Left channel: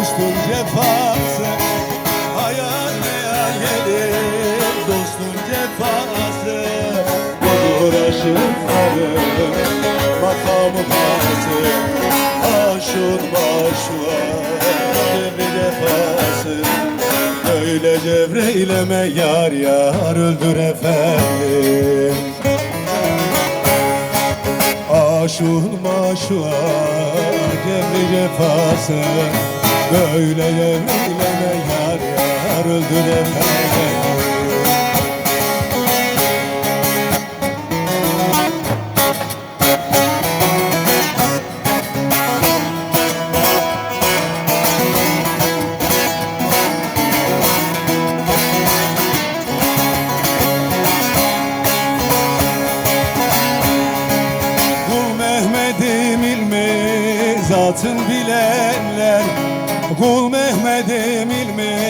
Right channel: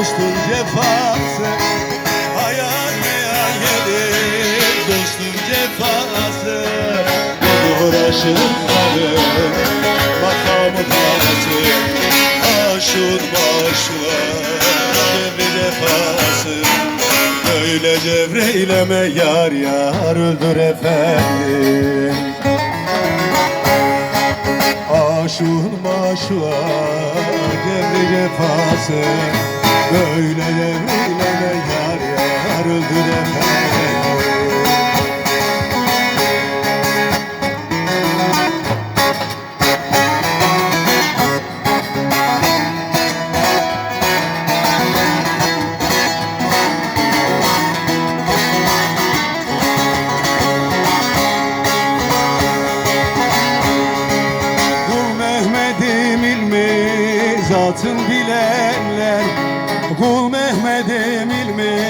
dostun cefası Hayal meyal gelir dostun cefası Budur aşıkları makamı tası Aşık başlar. Devri defası Böyle devreyleme yar yar öldür efendim. Aşık maşuğa devri cefası Böyle devreyleme yar yar öldür efendim zatın bilenler Kul Mehmet'im ilmi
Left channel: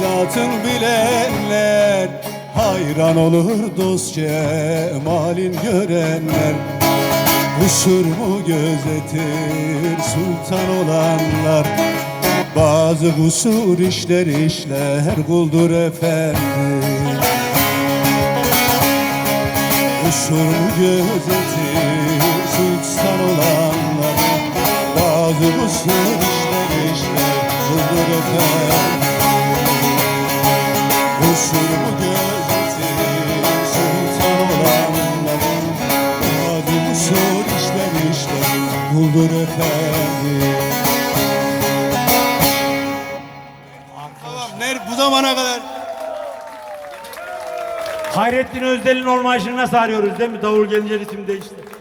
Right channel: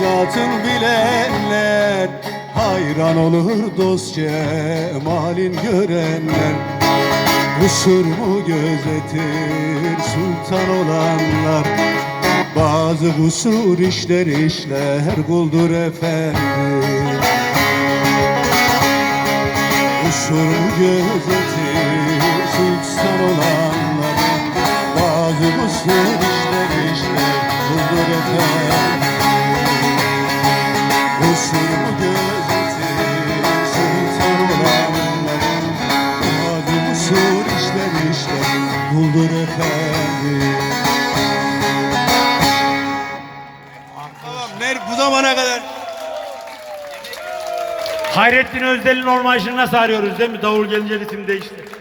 zatın bilenler Hayran olur dost cemalin görenler. Kusur mu gözetir sultan olanlar. Bazı kusur işler işler kuldur efendim. Kusur gözetir sultan olanlar. Bazı kusur efendim Tamam, ner bu zamana kadar Hayrettin Özdel'in ormanışını nasıl arıyoruz değil mi? Davul gelince ritim değişti.